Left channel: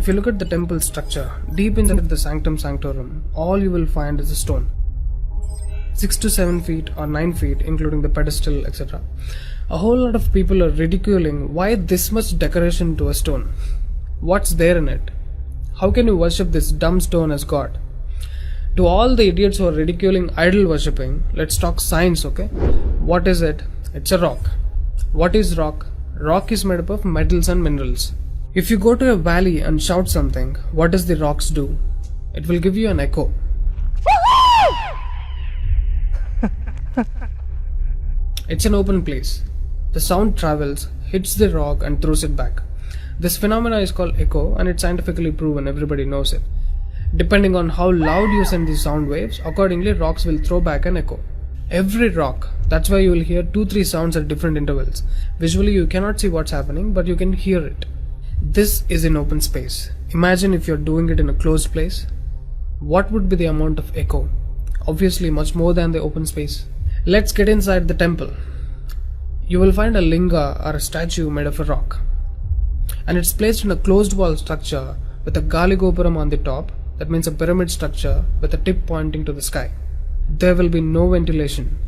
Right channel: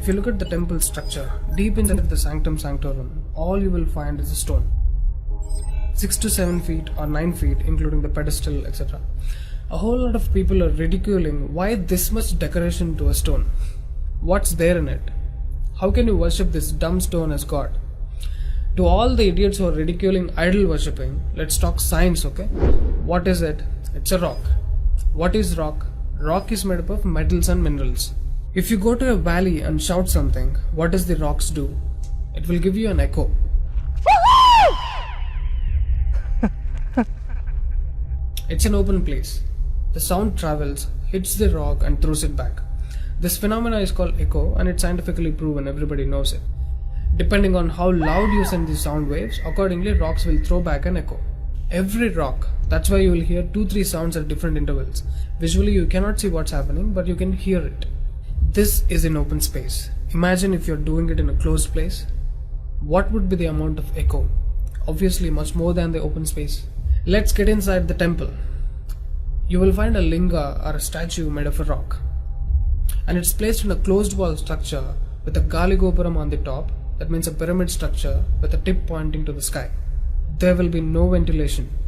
If you look at the temple structure, deep inside the sanctum sanctorum, all you will find is a stone. 6 to 7 feet or 9 feet, including the pedestal, etc. A whole lot of people are ridiculing why this much decoration to a stone. What's there in it? How can you worship this dumb stone as God? To all the idiots who are ridiculing idol worshipping, let's talk science, okay? What is it? It's a rock. What is rock? Rock is made up of metals and minerals. If you go to a valley and shout something, what does the rocks do? It will give you an echo. It's an open place. The sound travels, hits the rock and throws it back. This phenomena is called echo and it's scientifically proven, everybody knows it. Depending on how loud you send these sound waves, accordingly rocks will throw back an echo. Every rock, that's why you will hear 2-3 sounds at different intervals. Visually you cannot see what's happening, but you can hear it. This is in open space. Imagine if you're doing it in a closed place. What would be the amount of echo? Obviously much more than the open space. Let's get inside the temple. You will find a linga or a statue made of a rock. And it's placed in a closed wall structure with a Galigopuram on the top. That means a pyramid structure with a tip pointing to the sky. There will be no ventilation.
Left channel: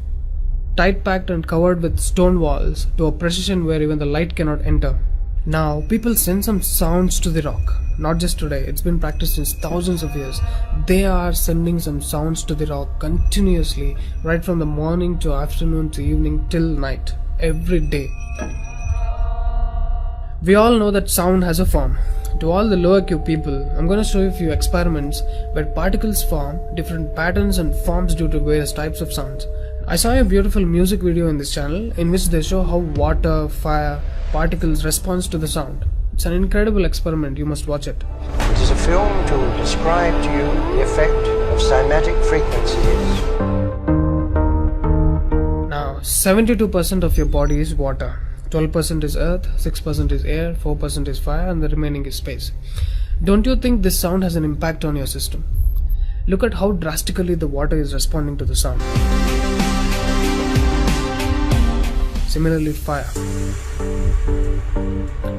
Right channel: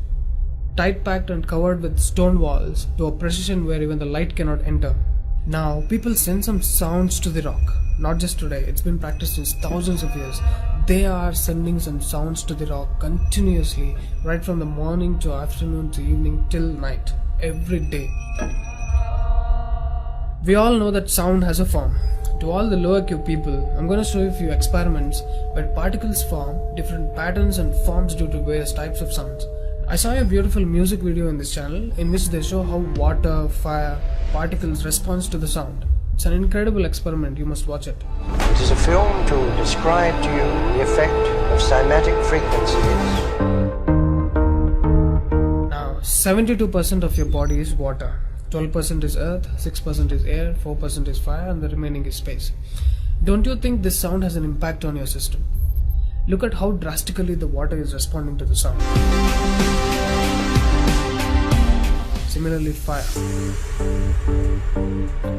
Tight packed and covered with stone walls to a precision where even the light cannot enter. Now people send some sounds to the rock. Not just today, it's been practiced since thousands of years. They are sending some sounds to the rock continuously, right from the morning to afternoon to evening till night, every day. We all know that sound has a form. To all the lower IQ people, I'm going to show you a few experiments where particles form different patterns and forms due to various types of sounds. I saw a beautiful music video in this channel in which they show how water, fire, particles respond to the sound. It's an incredible experiment, you must watch it. It is a film to describe to you the effect of cymatic frequencies. Now, 72% of your body is water. 12% is earth, 6% is air, 4% is fire and the remaining is space. Don't you think this sound has an impact on your system? Look at how drastically the water is responding to the sound. Similarly, fire.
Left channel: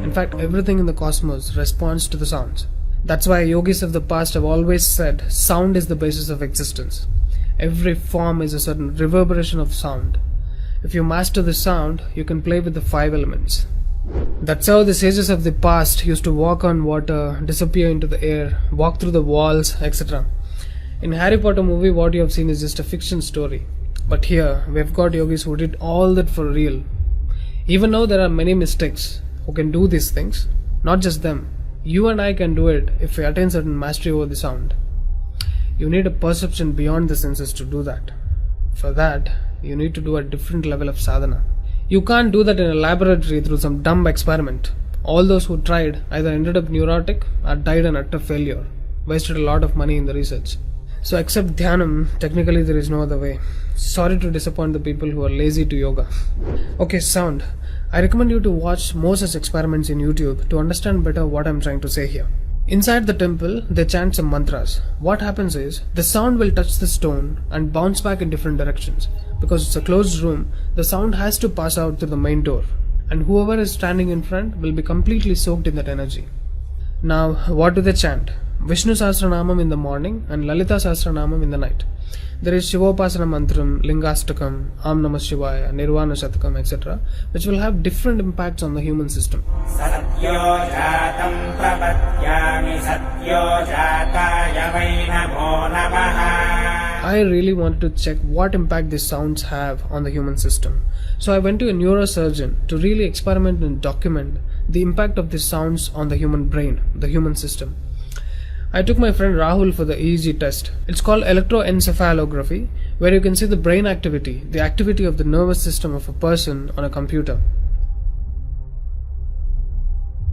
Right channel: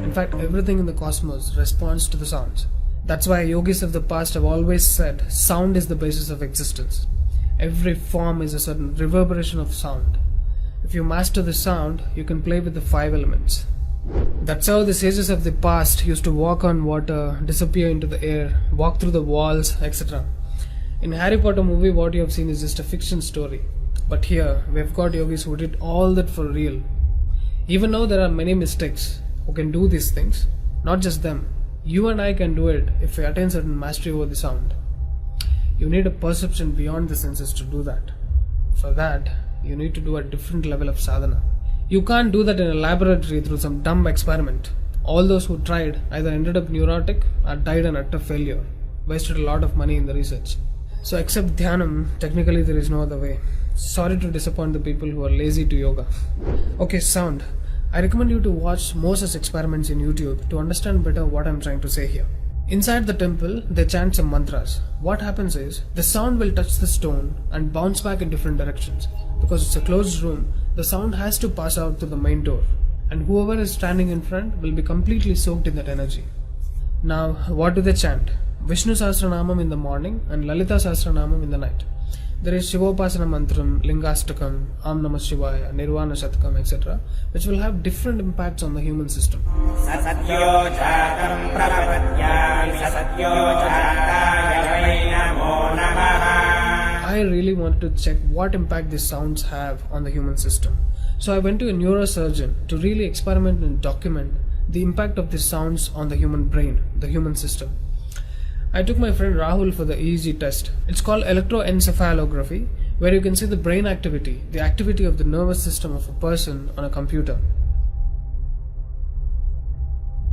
In fact, everything in the cosmos responds to the sounds. That's why yogis of the past have always said sound is the basis of existence. Every form is a certain reverberation of sound. If you master the sound, you can play with the 5 elements. That's how the sages of the past used to walk on water, disappear into the air, walk through the walls, etc. In Harry Potter movie, what you have seen is just a fiction story. But here, we've got yogis who did all that for real. Even though there are many mystics who can do these things, not just them. You and I can do it if we attain certain mastery over the sound. You need a perception beyond the senses to do that. For that, you need to do a different level of sadhana. You can't do that in a laboratory through some dumb experiment. All those who tried either ended up neurotic or died an utter failure. Wasted a lot of money in the research. So except dhyanam, technically there is no other way. Sorry to disappoint the people who are lazy to yoga. Okay, sound. I recommend you to watch more such experiments in YouTube to understand better what I'm trying to say here. Inside the temple, they chant some mantras. What happens is, the sound will touch the stone and bounce back in different directions. Because it's a closed room, the sound has to pass out through the main door. And whoever is standing in front will be completely soaked in that energy. Now, what do they chant? Vishnu Sahasranamam in the morning and Lalita Sahasranamam in the night. There is Shivopasana Mantram, Lingastakam, Am Namah Shivaya, Nirvana Shatakam, etc., which will have different impacts on the human system. I really wanted to check what impact these sounds have on the human system. So I went to a neurosurgeon to really experiment and document the impact of these sounds on the human brain, the human system. I took my friend Rahul for the EEG test. It's called electroencephalography, where you can see the brain activity, the activity of the nervous system of a person on a computer.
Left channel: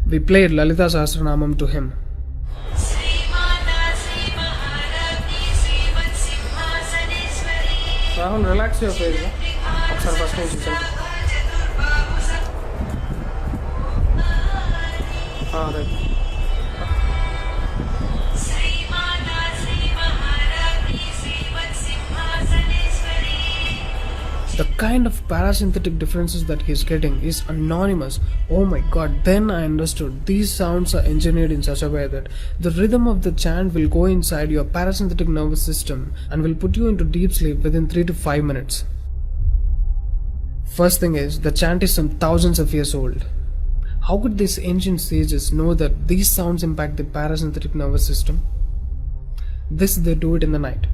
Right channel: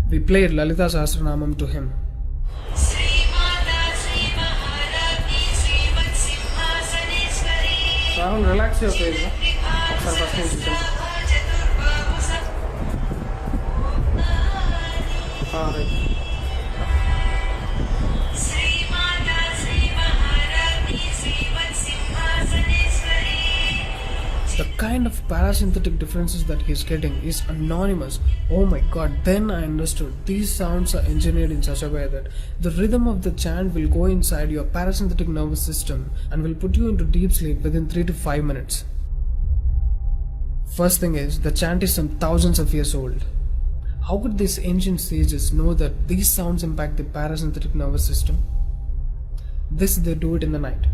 We played Lalita Sahasranamam to him. Rahul, relax your face. Right. The kind of parasympathetic differences that he's getting is anonymous. Oh my god, then I understood. These sounds are engineered in such a way that the rhythm of the chant will go inside your parasympathetic nervous system and will put you into deep sleep within 3 to 5 minutes. First thing is, the chant is some thousands of years old. How could these ancient sages know that these sounds impact the parasympathetic nervous system? This they do it in the night.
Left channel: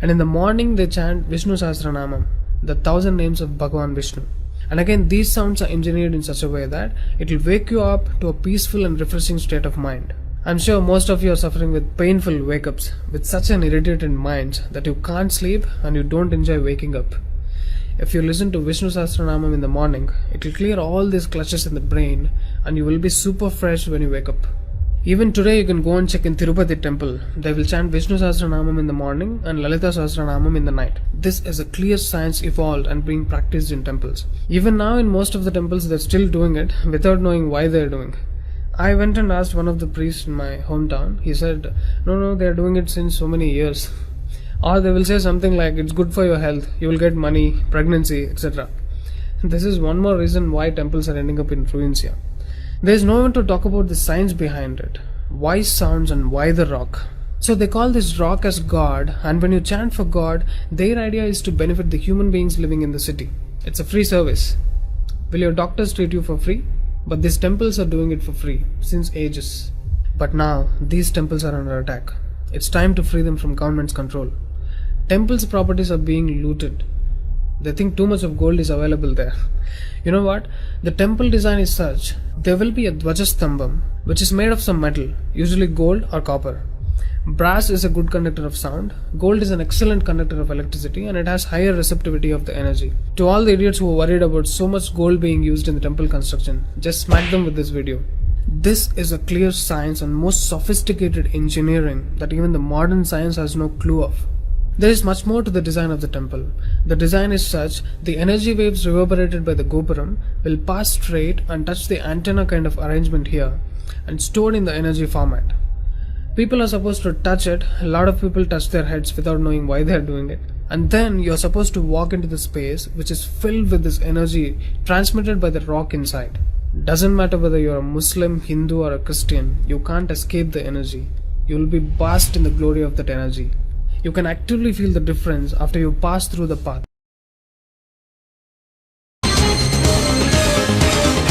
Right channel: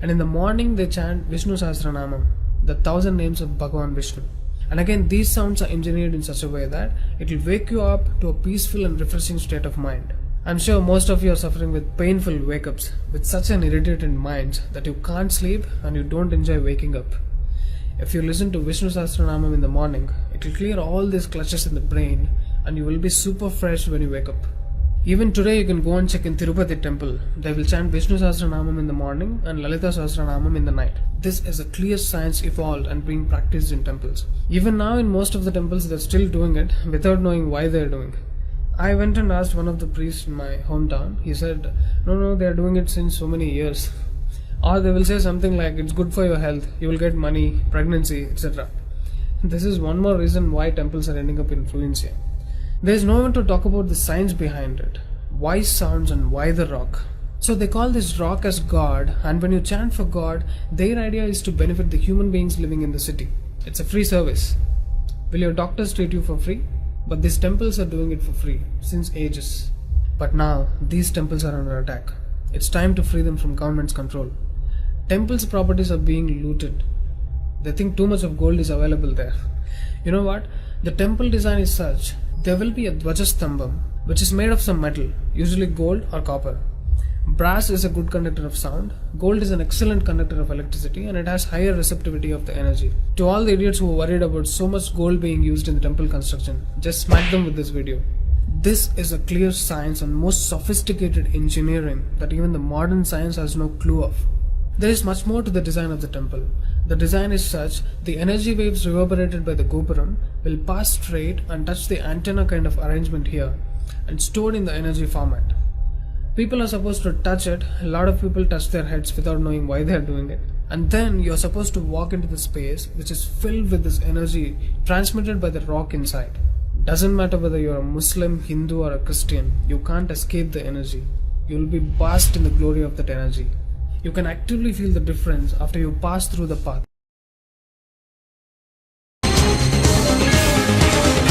And in the morning they chant Vishnu Sahasranamam, the 1000 names of Bhagavan Vishnu. And again, these sounds are engineered in such a way that it will wake you up to a peaceful and refreshing state of mind. I'm sure most of you are suffering with painful wake-ups, with such an irritated mind that you can't sleep and you don't enjoy waking up. If you listen to Vishnu Sahasranamam in the morning, it will clear all these clutches in the brain and you will be super fresh when you wake up. Even today you can go and check in Tirupati temple. They will chant Vishnu Sahasranamam in the morning and Lalita Sahasranamam in the night. This is a clear science evolved and being practiced in temples. Even now in most of the temples they're still doing it without knowing why they're doing. I went and asked one of the priests in my hometown. He said, no, they're doing it since so many years. Or they will say something like, it's good for your health, you will get money, pregnancy, etc. This is one more reason why temples are ending up in ruins here. There is no one to talk about the science behind it. Why sounds and why the rock? So they call this rock as God, and when you chant for God, their idea is to benefit the human beings living in the city. It's a free service. Will your doctors treat you for free? But these temples are doing it for free, since ages. But now, these temples are under attack. It's time to free them from government's control. Temples' properties are being looted. They think too much of gold is available there. You know what? The temple design is such, there will be a Dvajastambam, which is made of some metal, usually gold or copper. Brass is a good conductor of sound, gold is an excellent conductor of electricity, and it has higher receptivity of the energy. To all the idiots who are worried about so much gold being used in the temple construction, just smack them with this video. This is a clear science and most sophisticated engineering that even the modern science has no clue of. There is much more to the design of the temple. The design is such, the energy waves reverberated by the gopuram will pass straight and touch the antenna kind of arrangement here and stored in the energy format. People are supposed to touch it, a lot of people touch their heads without knowing why they are doing it. And then you are supposed to walk into the space which is filled with this energy transmitted by the rock inside. Doesn't matter whether you are a Muslim, Hindu or a Christian, you can't escape the energy. You will be bathed in the glory of that energy. You can actively feel the difference after you pass through the path.